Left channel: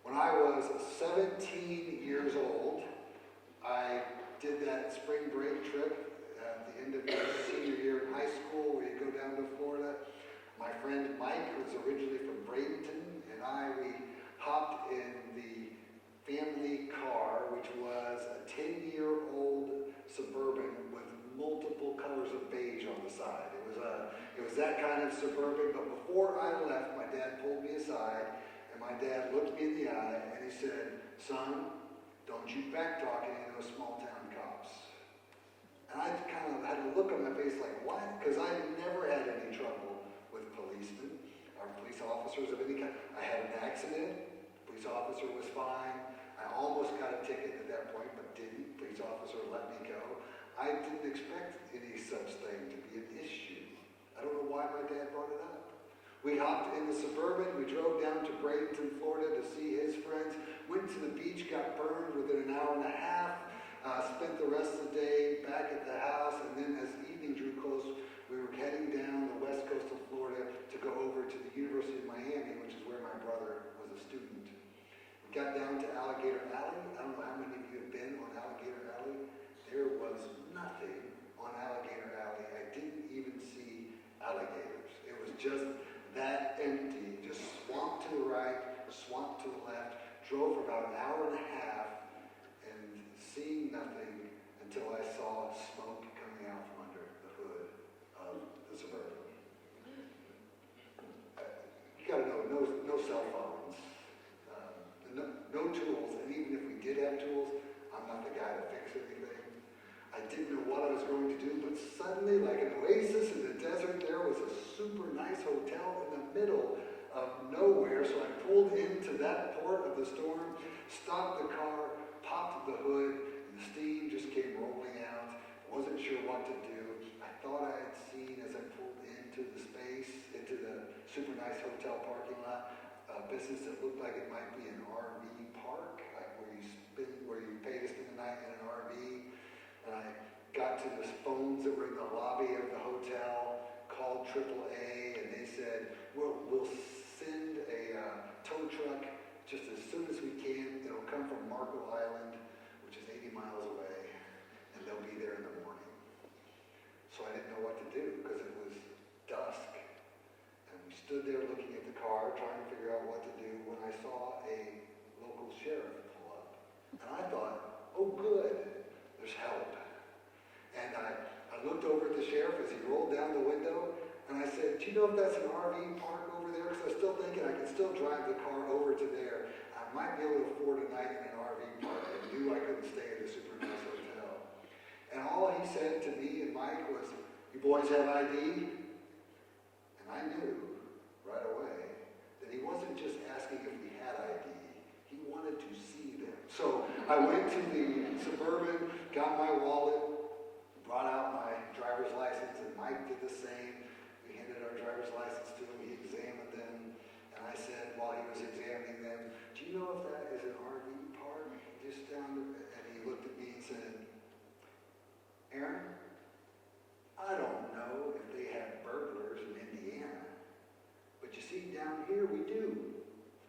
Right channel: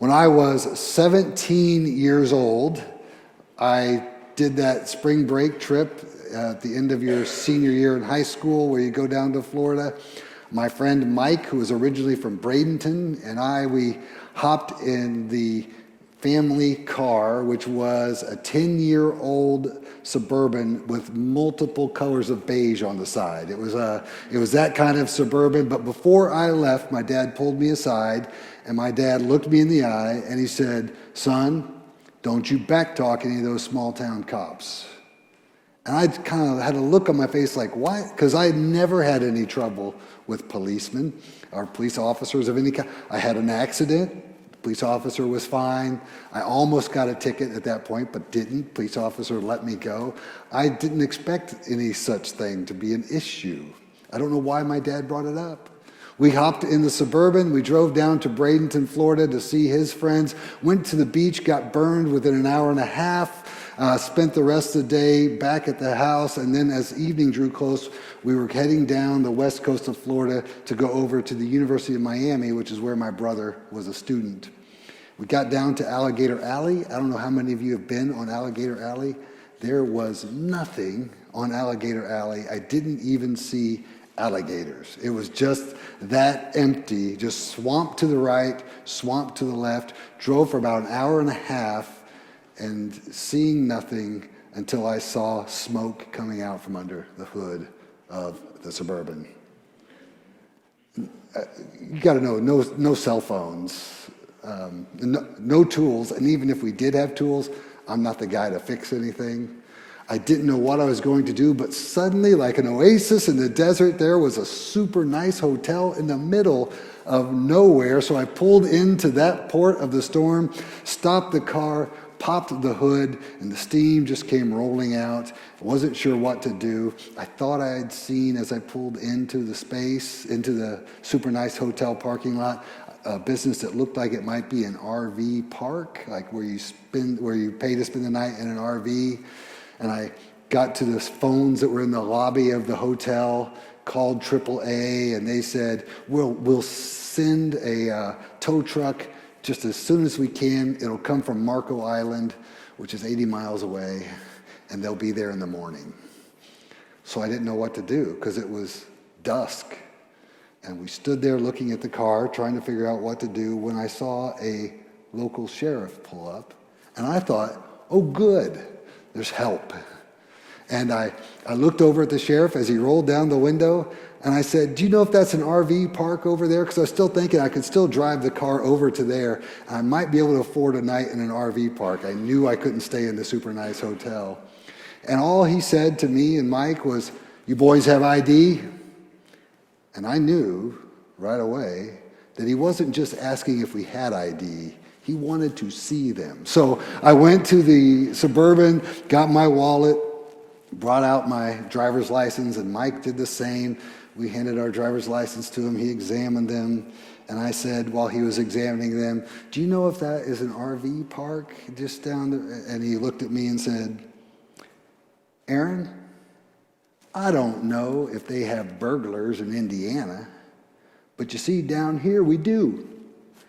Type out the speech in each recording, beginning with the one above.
When I was 17 years old, I did that spring break trip at the end of your senior year in high school where you go down to Florida. My friend Mike, who was originally from Bradenton, and we hopped in the family car, which was a 10-year-old Suburban with multiple colors of beige on the side. It was that kind of Suburban, but before I left, my dad pulled me aside, and my dad looked me in the eye, and he said, "Son, don't you backtalk any of those small-town cops." And I kind of had a look on my face like, why? Because I never had any trouble with policemen or police officers of any kind. I had an accident. The police officer was fine. I almost got a ticket at that point, but didn't. Police officer let me go. I didn't expect any such thing to be an issue. I don't know why my dad brought it up. We hopped in the Suburban. We drove down to Bradenton, Florida to see his friends. Went to the beach, got burned within an hour and a half. Spent the rest of the day back at the house, and then as evening drew close, we were heading down the west coast of Florida to go over to the University of Miami, which is where my brother was a student. We got down to Alligator Alley. I don't know how many of you have been on Alligator Alley. There was nothing on Alligator Alley. I didn't even see alligators. It was just that empty, just swamp to the right, swamp to the left. Drove for about an hour and a half and seeing nothing until I saw smoke coming out from under the hood of the Suburban. You got to know, no cell phones, no tools, and even if we did have tools, I'm not the guy to fix anything. I didn't know what I was going to do, but suddenly, like an oasis in the desert, there was a super nice hotel in the middle of nowhere. So I pulled into that port of the storm, stopped the car, popped the hood, and the steam just came rolling out. I wasn't sure what to do. I thought I had seen, as I pulled into the space, into the super nice hotel parking lot, a business that looked like it might be an RV park, like where you pay to spend the night in an RV. And I got to the phones that were in the lobby of the hotel, called AAA, and they said, we'll send a tow truck just as soon as we can. It'll come from Marco Island, which is 80 miles away, and they'll be there in the morning. So I didn't know what to do because it was dusk. And we stood there looking at the car, trying to figure out what to do, when I saw a local sheriff pull up. And I thought, oh, good, there's help. And I looked over at the sheriff as he rolled down the window, and I said, "Do you know if that's an RV park over there?" Because I was still thinking I could still drive the car over to there. And I might be able to afford a night in an RV park. I knew I couldn't stay in the super nice hotel. And all he said to me and Mike was, "You boys have ID?" And I knew right away that he wasn't just asking if we had ID. He wanted to see them. So I went to the Suburban, got my wallet, brought out my driver's license, and Mike did the same. We handed our driver's license to him. He examined them, and I said while he was examining them, "Do you know if that is an RV park just down there?" And he looked at me and said, "Aaron, I don't know if they have burglars in Indiana, but you see, down here we do."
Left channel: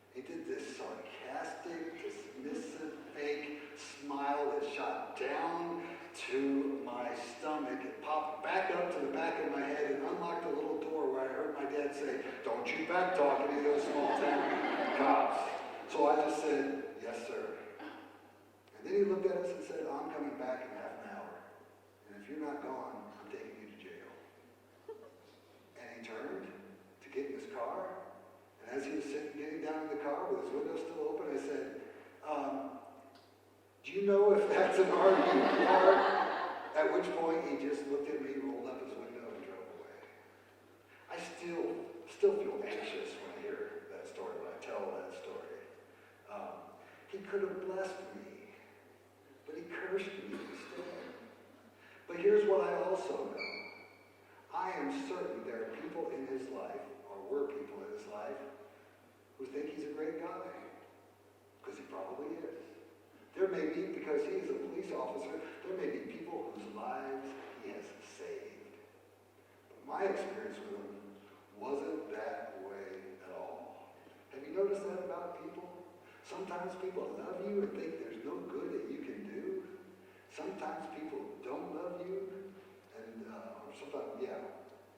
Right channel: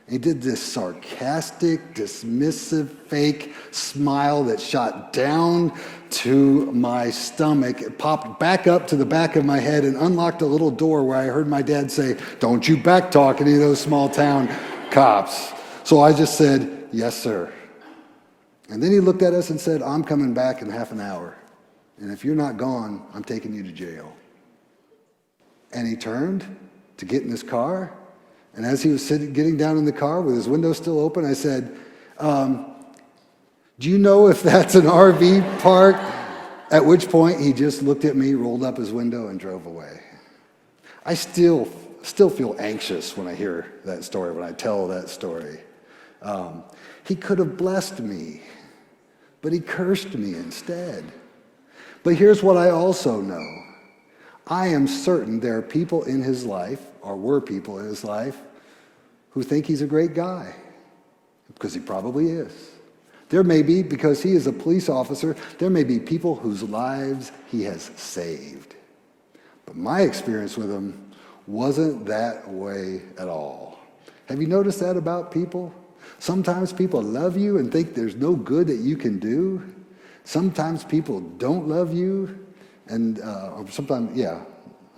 He did this sarcastic, dismissive, fake smile that shot down to my stomach. It popped back up to the back of my head and unlocked a little door where I heard my dad say, "Don't you backtalk any of those small town cops." So I just said, "Yes, sir." And then he looked at us and said, "I'm coming back in half an hour. And if you're not gone, I'm taking you to jail." And he turned to get in his car. And as he was getting down in the car with his window still open, I said, "Do you know if that's an RV park?" At which point he just looked at me, rolled up his window, and drove away. I still feel anxious when I hear that story, when I tell that story. He could have blessed me, but he cursed me instead. But here's what I also know. I am certain there are people in his life, or were people in his life, who think he's a great guy, because he probably is. There may be, because he is a police officer, there may be people whose lives he has saved. But my experience with him wasn't that way at all. Have you noticed that about people? Sometimes people love you and think there's no good that you can do. Sometimes people don't love you, and or sometimes, yeah,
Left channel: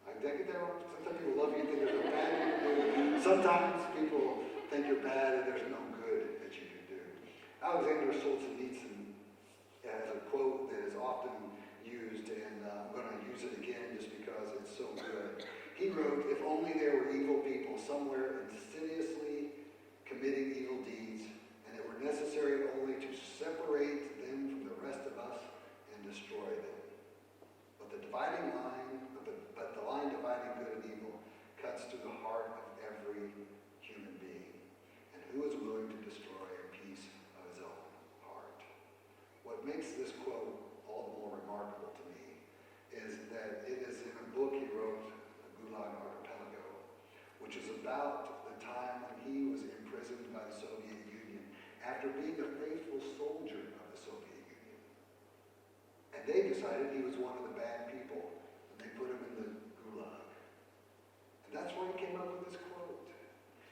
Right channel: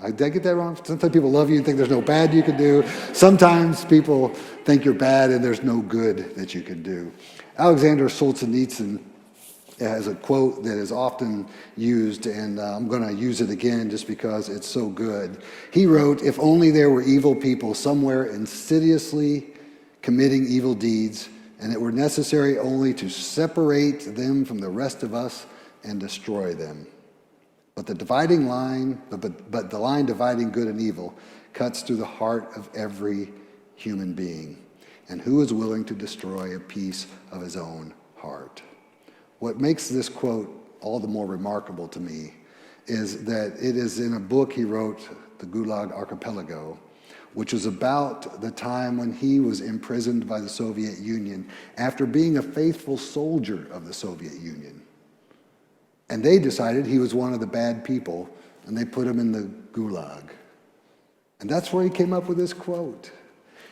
did I get that wrong? Sometimes people love you and think there's no bad you can do. Sometimes people think you're bad and there's no good that you can do. Alexander Solzhenitsyn has a quote that is often used, and I'm going to use it again just because it's so good. He wrote, "If only there were evil people somewhere insidiously committing evil deeds, and it were necessary only to separate them from the rest of us and destroy them. But the dividing line, but the line dividing good and evil cuts through the heart of every human being. And who is willing to destroy a piece of his own heart?" What makes this quote all the more remarkable to me is that it is in a book he wrote, The Gulag Archipelago, which was about the time when he was imprisoned by the Soviet Union after being a faithful soldier of the Soviet Union. And they decided he was one of the bad people, and they put him in the Gulag. And that's where he came up with this quote.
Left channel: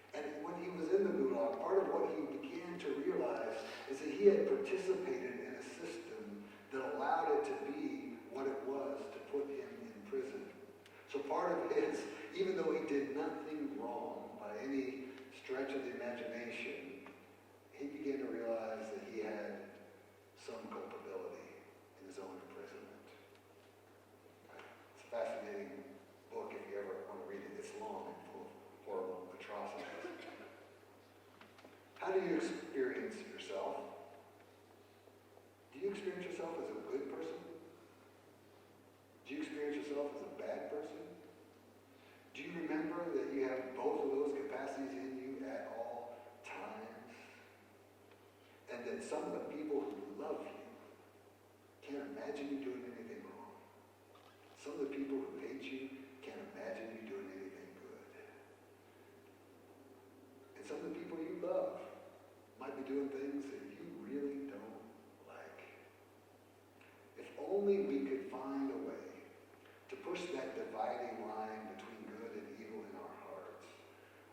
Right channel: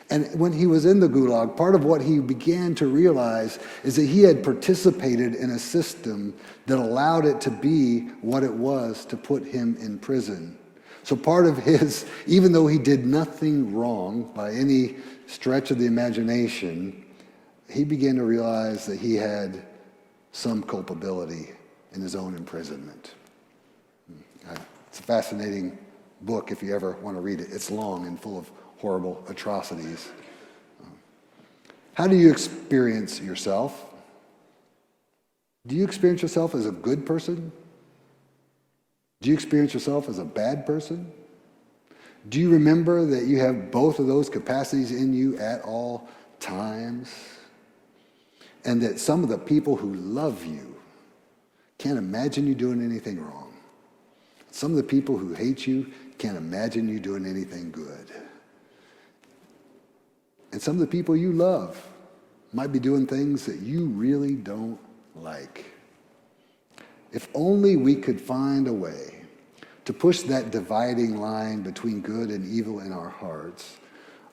And when he was in the Gulag, part of what he began to realize is that he had participated in a system that allowed it to be what it was to put him in prison. So part of his, even though he did nothing wrong by any stretch of the imagination, he began to realize that he had some culpability in his own imprisonment. It's a fascinating book if you ever want to read it. It's long and full of horrible atrocities. How do you experience yourself? Do you experience yourself as a good person? Do you experience yourself as a bad person? Do you remember that you have both of those capacities in you at all times? And that some of the people who love you can't imagine you doing anything wrong. Some of the people who hate you can't imagine you doing anything good. And some of the people you love might be doing things that you really don't like. If only we could find a way to push that dividing line between good and evil in our hearts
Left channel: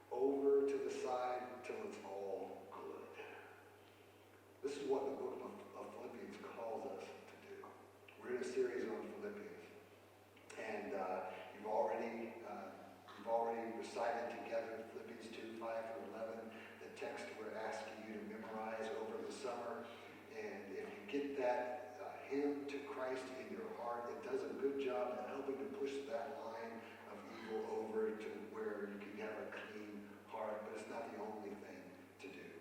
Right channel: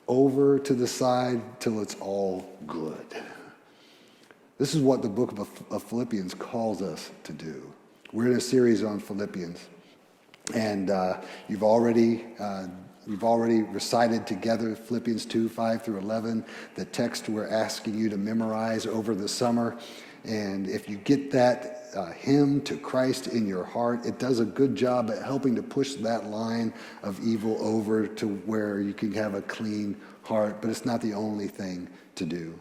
over to the side till it's all good. This is what the book of Philippians calls us to do. We're in a series on Philippians, and we've already recited together Philippians 2, 5 through 11, the text we're asking you to memorize over the summer. And if you get that hymn to Christ in your heart, it does a good job at helping to push that line of evil over to where you can have a clean heart, but it's not the only thing to do.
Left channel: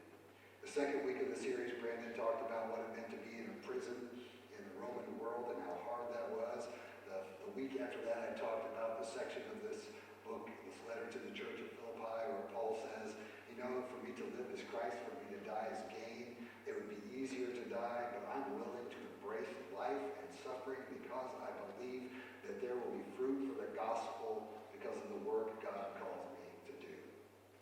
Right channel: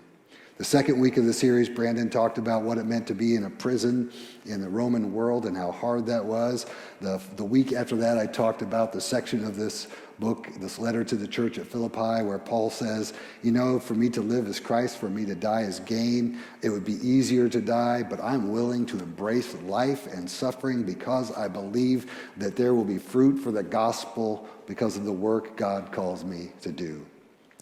The second week of the series, Brandon talked about what it meant to be in a prison in the Roman world and how hard that was. The week after that, I talked about the section of this book, this letter to the church at Philippi, where Paul says, for me to live is Christ, for me to die is gain. It would be easier to die, but I'm willing to embrace life and suffering because I believe that there will be fruit for the gospel because of the work God calls me to do.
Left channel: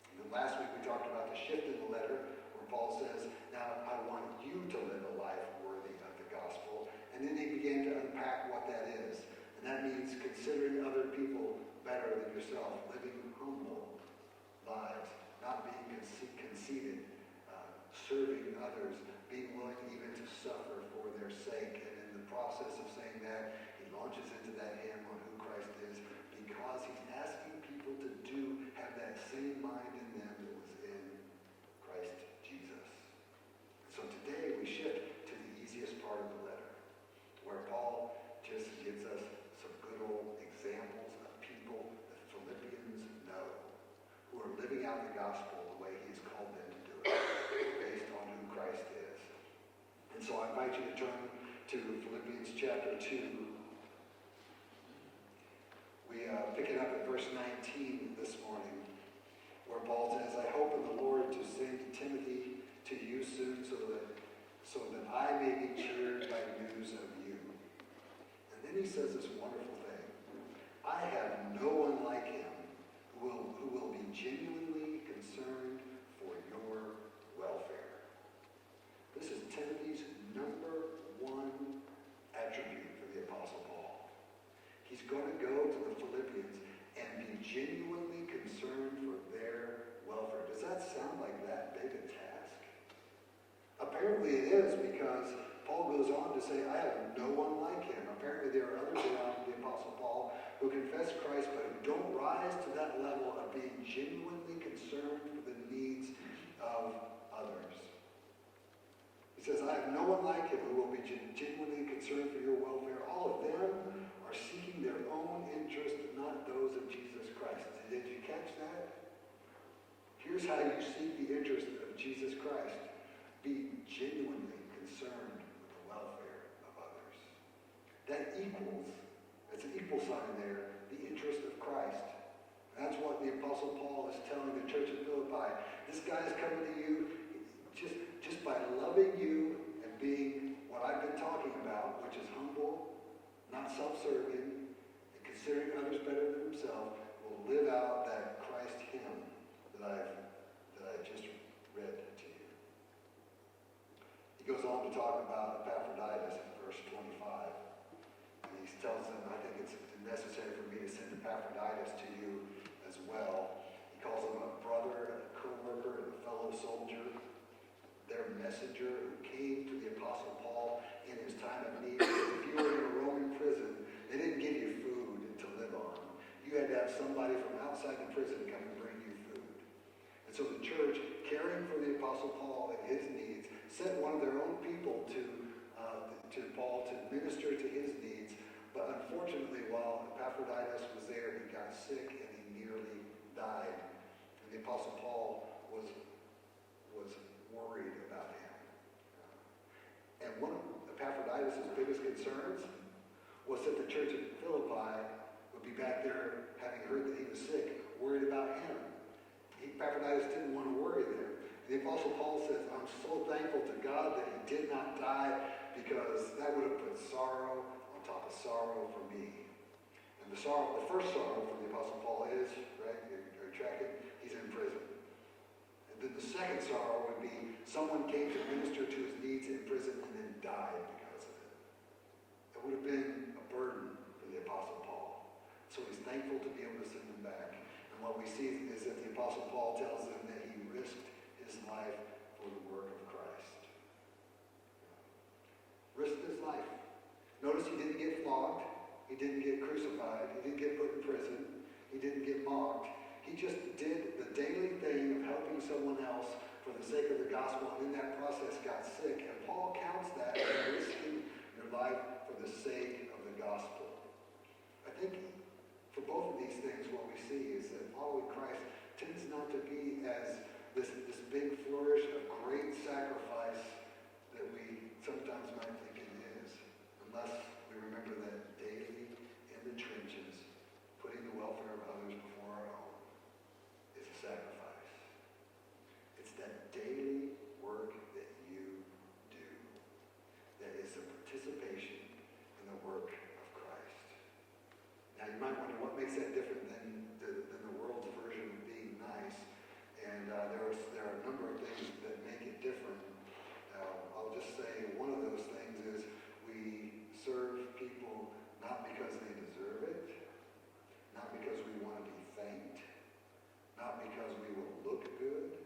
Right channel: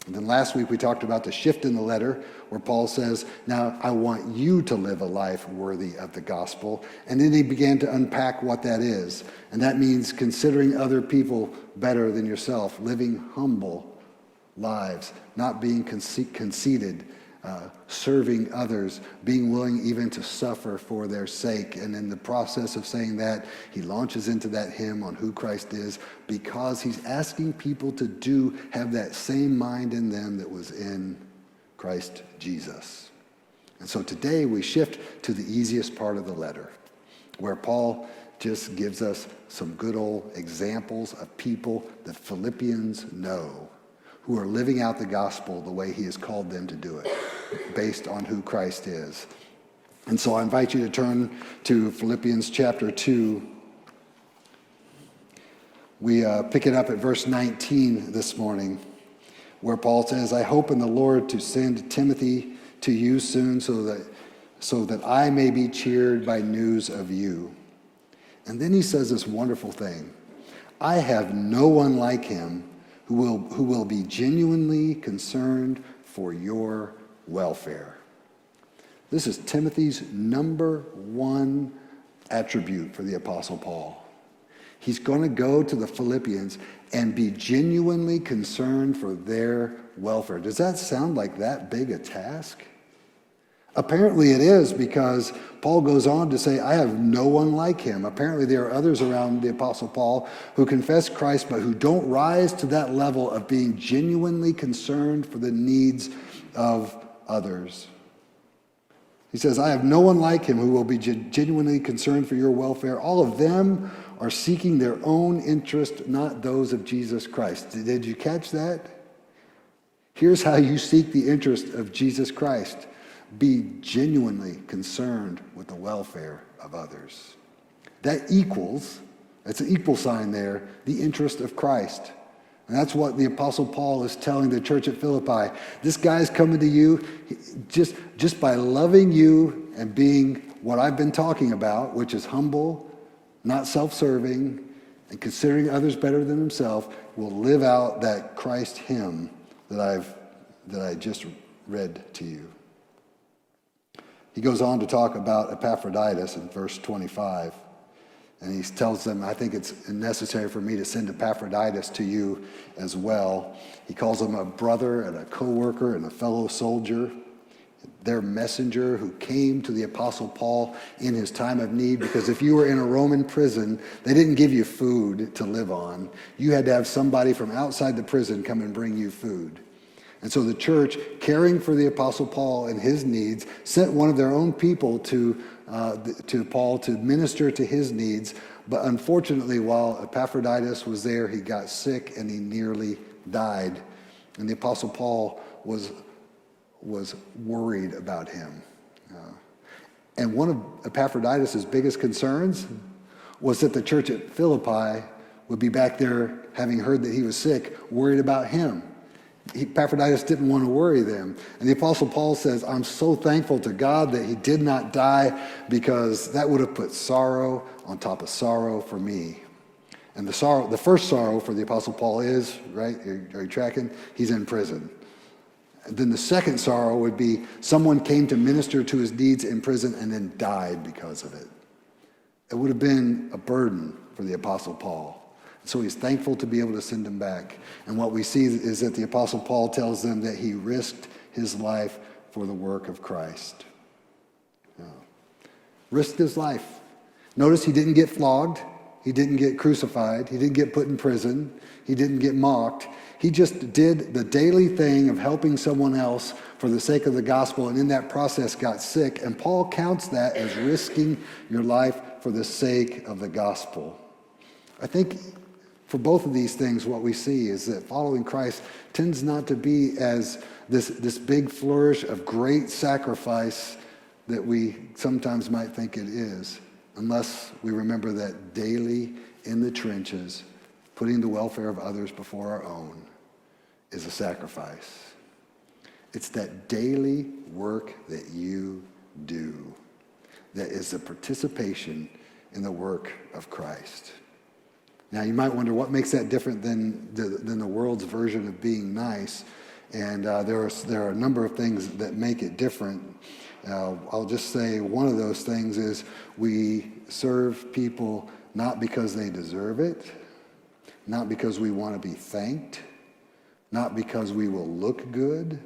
And then last week we talked about the shift in the letter where Paul says, now I want you to live a life worthy of the gospel. And then he began to unpack what that is. And that means considering other people better than yourself, living humble lives, not being conceited, serving others, being willing even to suffer for their sake. And in the process of saying that, he launches into that hymn on who Christ is because he's asking people to have that same mind in them that was in Christ Jesus. And so today we shift to the easiest part of the letter, where Paul just gives us some good old examples of people that Philippians know who are living out the gospel the way he has called them to do it, based on who Christ is. And so I invite you to turn to Philippians chapter 2. We pick it up at verse 19 this morning, where Paul says, I hope in the Lord to send Timothy to you soon so that I may be cheered by news of you. And then he says this wonderful thing. I have no one like him who will be genuinely concerned for your welfare. This is Timothy's number one attribute for the Apostle Paul. He's going to go to the Philippians and be genuinely concerned for their welfare. Does that sound like that big a task? Apparently it is, because Paul goes on to say, I have no one like him. Apparently there are others around the Apostle Paul who confess Christ, but who don't rise to that level of being genuinely concerned for the needs of others. He says, I have no one like him who will be genuinely concerned for your welfare. All of them are seeking their own interest, not those of Jesus Christ. Did you catch that? Here's how you seek the interest of Jesus Christ. Be genuinely concerned with the welfare of others. That's an equal sign there, the interest of Christ. And that's what the Apostle Paul is telling the church at Philippi. This guy's coming to you just by loving you and being what I've been talking about, which is humble, not self-serving, and considering others better than himself, will live out that Christ hymn that I just read to you. He goes on to talk about Epaphroditus in verse 25. And he tells them, I think it's necessary for me to send Epaphroditus to you as well. He calls him a brother and a co-worker and a fellow soldier, their messenger who came to the Apostle Paul in his time of need. Because if you were in a Roman prison, they didn't give you food to live on. You had to have somebody from outside the prison come and bring you food. And so the church, caring for the Apostle Paul and his needs, sent one of their own people to Paul to minister to his needs. But unfortunately, while Epaphroditus was there, he got sick and he nearly died. And the Apostle Paul was worried about him. And one of Epaphroditus' biggest concerns was that the church at Philippi would be back there, having heard that he was sick, worried about him. Epaphroditus didn't want to worry them. And the Apostle Paul says, I'm so thankful to God that he did not die, because that would have put sorrow on top of sorrow for me. And the first sorrow for the Apostle Paul is, right, are you tracking? He's in prison. And then the second sorrow would be someone came to minister to his needs in prison and then died because of it. It would have been a burden for the Apostle Paul. So he's thankful to be able to send him back. And what we see is that the Apostle Paul tells them that he risked his life for the work of Christ. Risked his life. Notice he didn't get flogged. He didn't get crucified. He didn't get put in prison. He didn't get mocked. He just did the daily thing of helping someone else for the sake of the gospel, and in that process got sick. And Paul counts that as risking your life for the sake of the gospel. I think for both of these things, what we see is that following Christ tends not to be as this big flourish of great sacrifice that we sometimes might think it is, unless we remember that daily in the trenches, putting the welfare of others before our own is a sacrifice. It's that daily work that you do that is the participation in the work of Christ. Now, you might wonder what makes that different than the world's version of being nice. And there are a number of things that make it different. I'll just say one of those things is we serve people not because they deserve it, not because we want to be thanked, not because we will look good.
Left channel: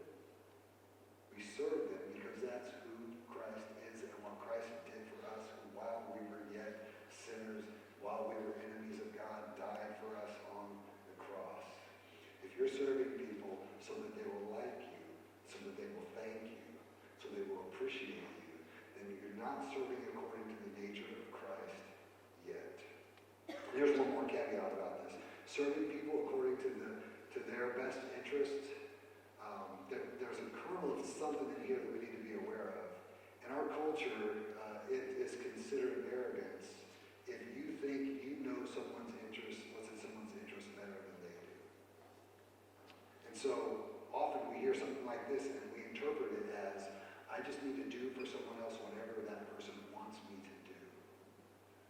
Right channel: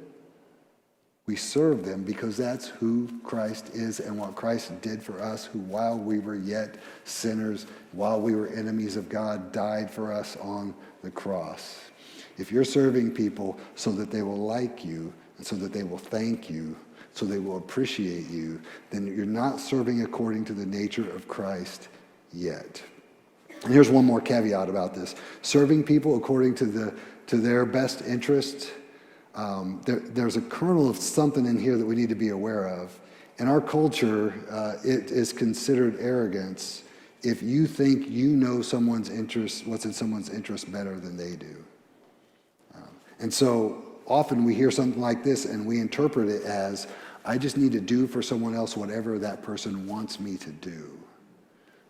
We serve them because that's who Christ is and what Christ did for us, who while we were yet sinners, while we were enemies of God, died for us on the cross. If you're serving people so that they will like you and so that they will thank you, so they will appreciate you, then you're not serving according to the nature of Christ yet. And here's one more caveat about this. Serving people according to their best interests, there's a kernel of something in here that we need to be aware of. In our culture, it is considered arrogance if you think you know someone's interest, what's in someone's interest better than they do. And so often we hear something like this and we interpret it as, I just need to do for someone else whatever that person wants me to do.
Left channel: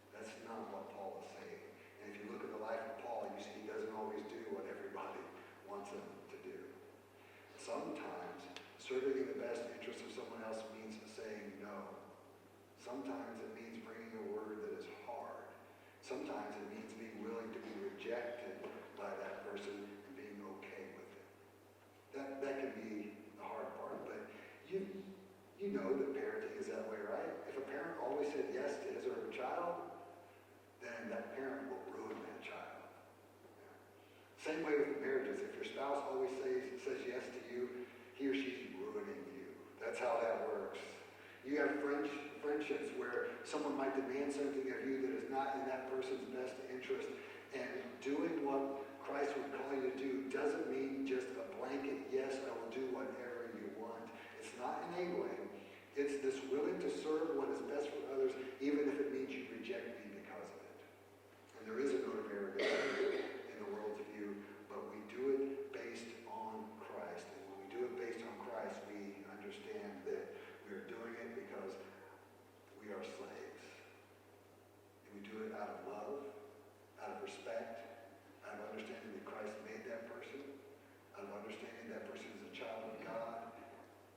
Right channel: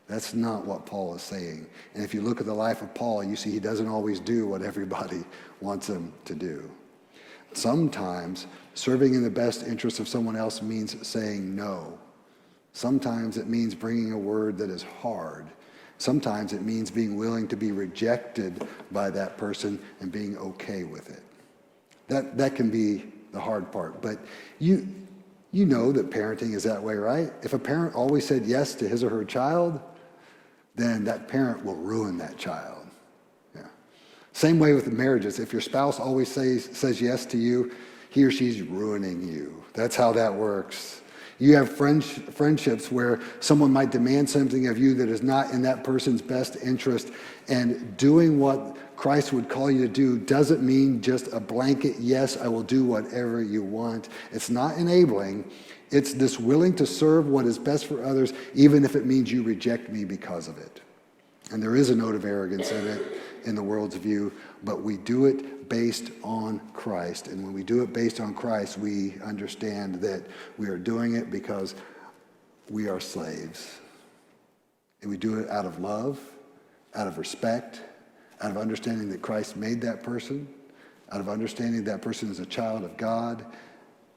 That's not what Paul is saying. And if you look at the life of Paul, you see he doesn't always do what everybody wants him to do. Sometimes serving in the best interest of someone else means saying no. Sometimes it means bringing a word that is hard. Sometimes it means being willing to be rejected by that person and being okay with it. That can be the hard part. But You know that parenting is that way, right? If a parent always said yes to his or her child, then that parent will ruin that child. Yeah. Same way with the marriages. If your spouse always says yes to you, he or she's ruining you. That's how that works. You have friendships where someone might demand something of you that is not in that person's best interest, and doing what Christ would call you to do doesn't mean just a blanket, yes, I will do whatever you want. It's not enabling. It's this willing to serve what is best for others, even if it means you reject me because of it. And there is a note of arrogance in it in the world's view, but we do it based on Christ. And when we do it based on Christ, we understand that we are doing it because we are slaves. And we do it out of love, out of respect, out of understanding that Christ made that person, out of understanding that person is a child of God,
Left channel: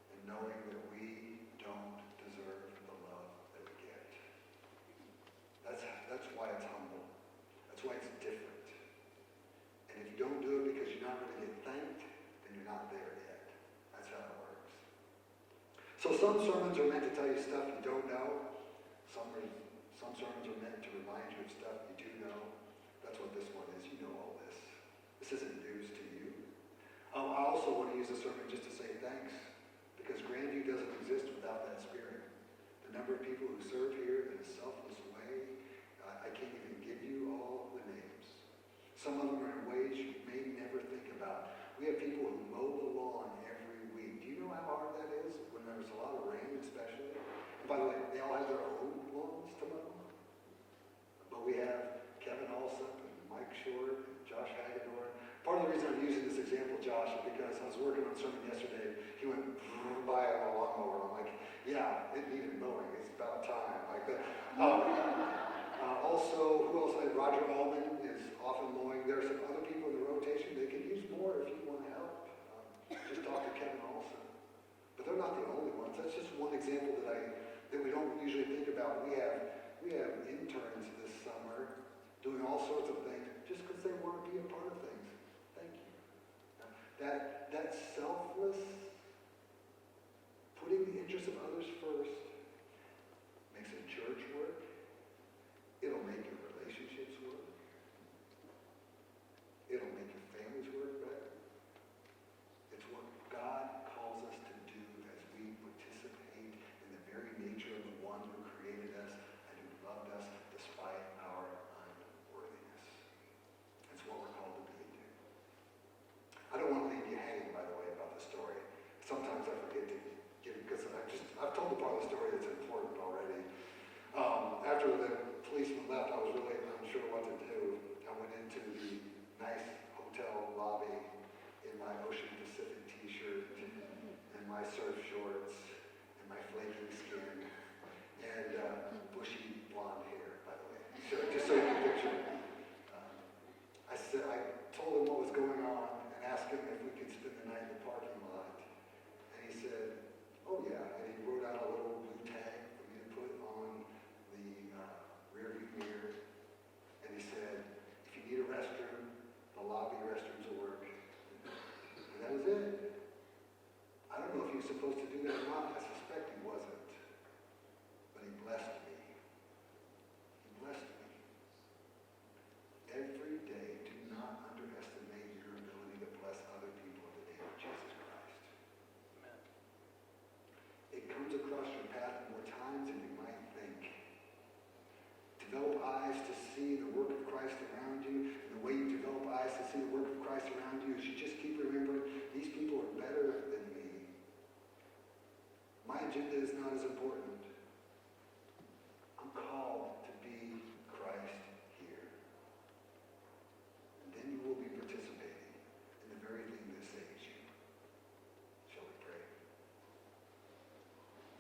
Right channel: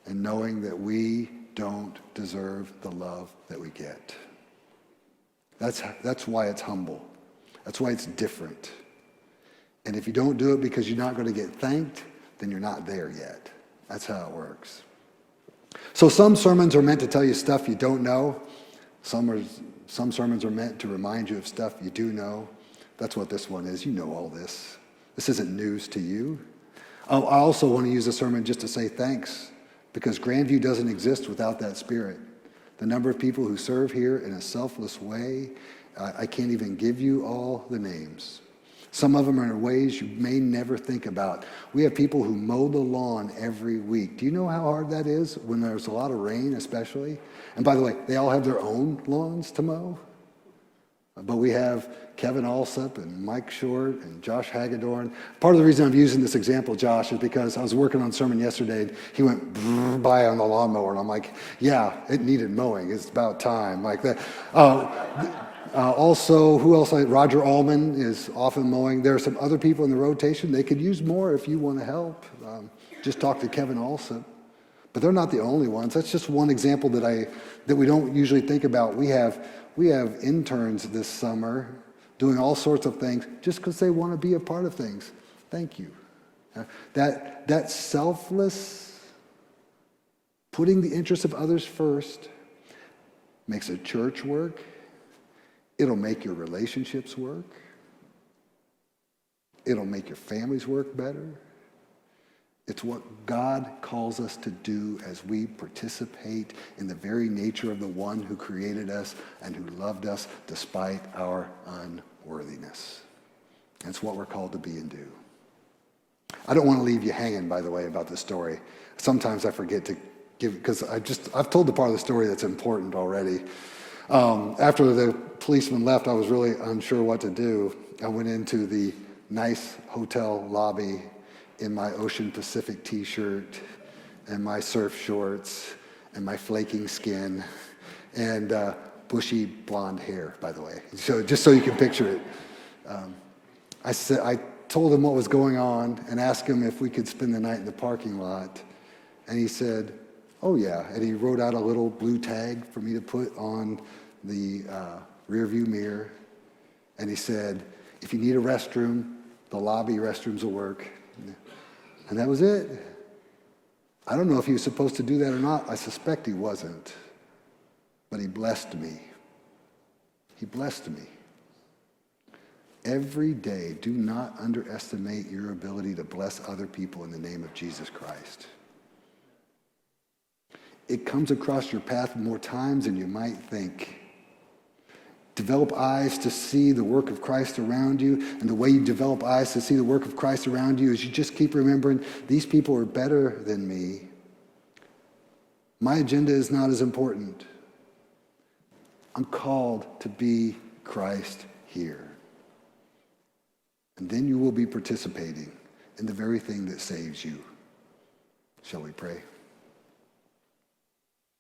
and knowing that we don't deserve the love that we get. That's why it's humble. That's why it's different. And if you don't do it because you're not going to get thanked, then you're not there yet. That's how it works. So some sermons are meant to tell you stuff you don't know. Some sermons are meant to remind you of stuff you do know. That's what this one is. You know all this. This isn't news to you. I also want to use a sermon just to say thanks, because Grandview doesn't exist without that spirit. The number of people who serve here in a selfless way, I can't even give you all the names. Some of them are in ways you may never think about. We have people who mow the lawn every week. Do you know how hard that is when there's a lot of rain, especially? And by the way, they all have their own lawns to mow. But we have Kevin Alsop and Mike Short and Josh Hagedorn. Part of the reason I'm using this example, Josh, is because I was working on a sermon yesterday, and he went by on the lawnmower, and I'm like, yeah, it needed mowing. It's about time, like that. Also, who else? Roger Allman is often mowing. There are some other people in the rotation. They could use more if you want to help. Just talk to Kevin Alsop. But they're not the only ones. That's just one example that we don't usually think about. We have interns this summer doing all sorts of things just because they want to be a part of things. Thank you. That selfless, putting the interests of others first, makes a church work. It'll make your relationships work. It'll make your families work better. It's what God calls us to do as we participate in the very nature of the one who created us and who loved us despite our unworthiness. It's what we're called to be and do. I don't want to leave you hanging, by the way, about this story. Sometimes I forget to give, because I've told the part of the story that's important already. After the policeman left, I was really unsure what to do. I went into the nice hotel lobby in my Ocean Pacific t-shirt and my surf shorts and my flaking skin and bushy blonde hair, by the way. So just so you can picture it. I told him what was going on and asked him if we could spend the night in the parking lot. And he said, oh yeah. And he wrote out a little blue tag for me to put on the rear view mirror. And he said, if you need a restroom, the lobby restrooms will work. And that was it. I don't know if he was supposed to do that or not. I suspect he wasn't. But he blessed me. He blessed me. Every day, do not underestimate your ability to bless other people in the name of Jesus Christ. It comes across your path more times than you might think. Develop eyes to see the work of Christ around you, and the way you develop eyes to see the work of Christ around you is you just keep remembering, these people are better than me. My agenda is not as important. I'm called to be Christ here. And then you will be participating in the very thing that saves you. Shall we pray?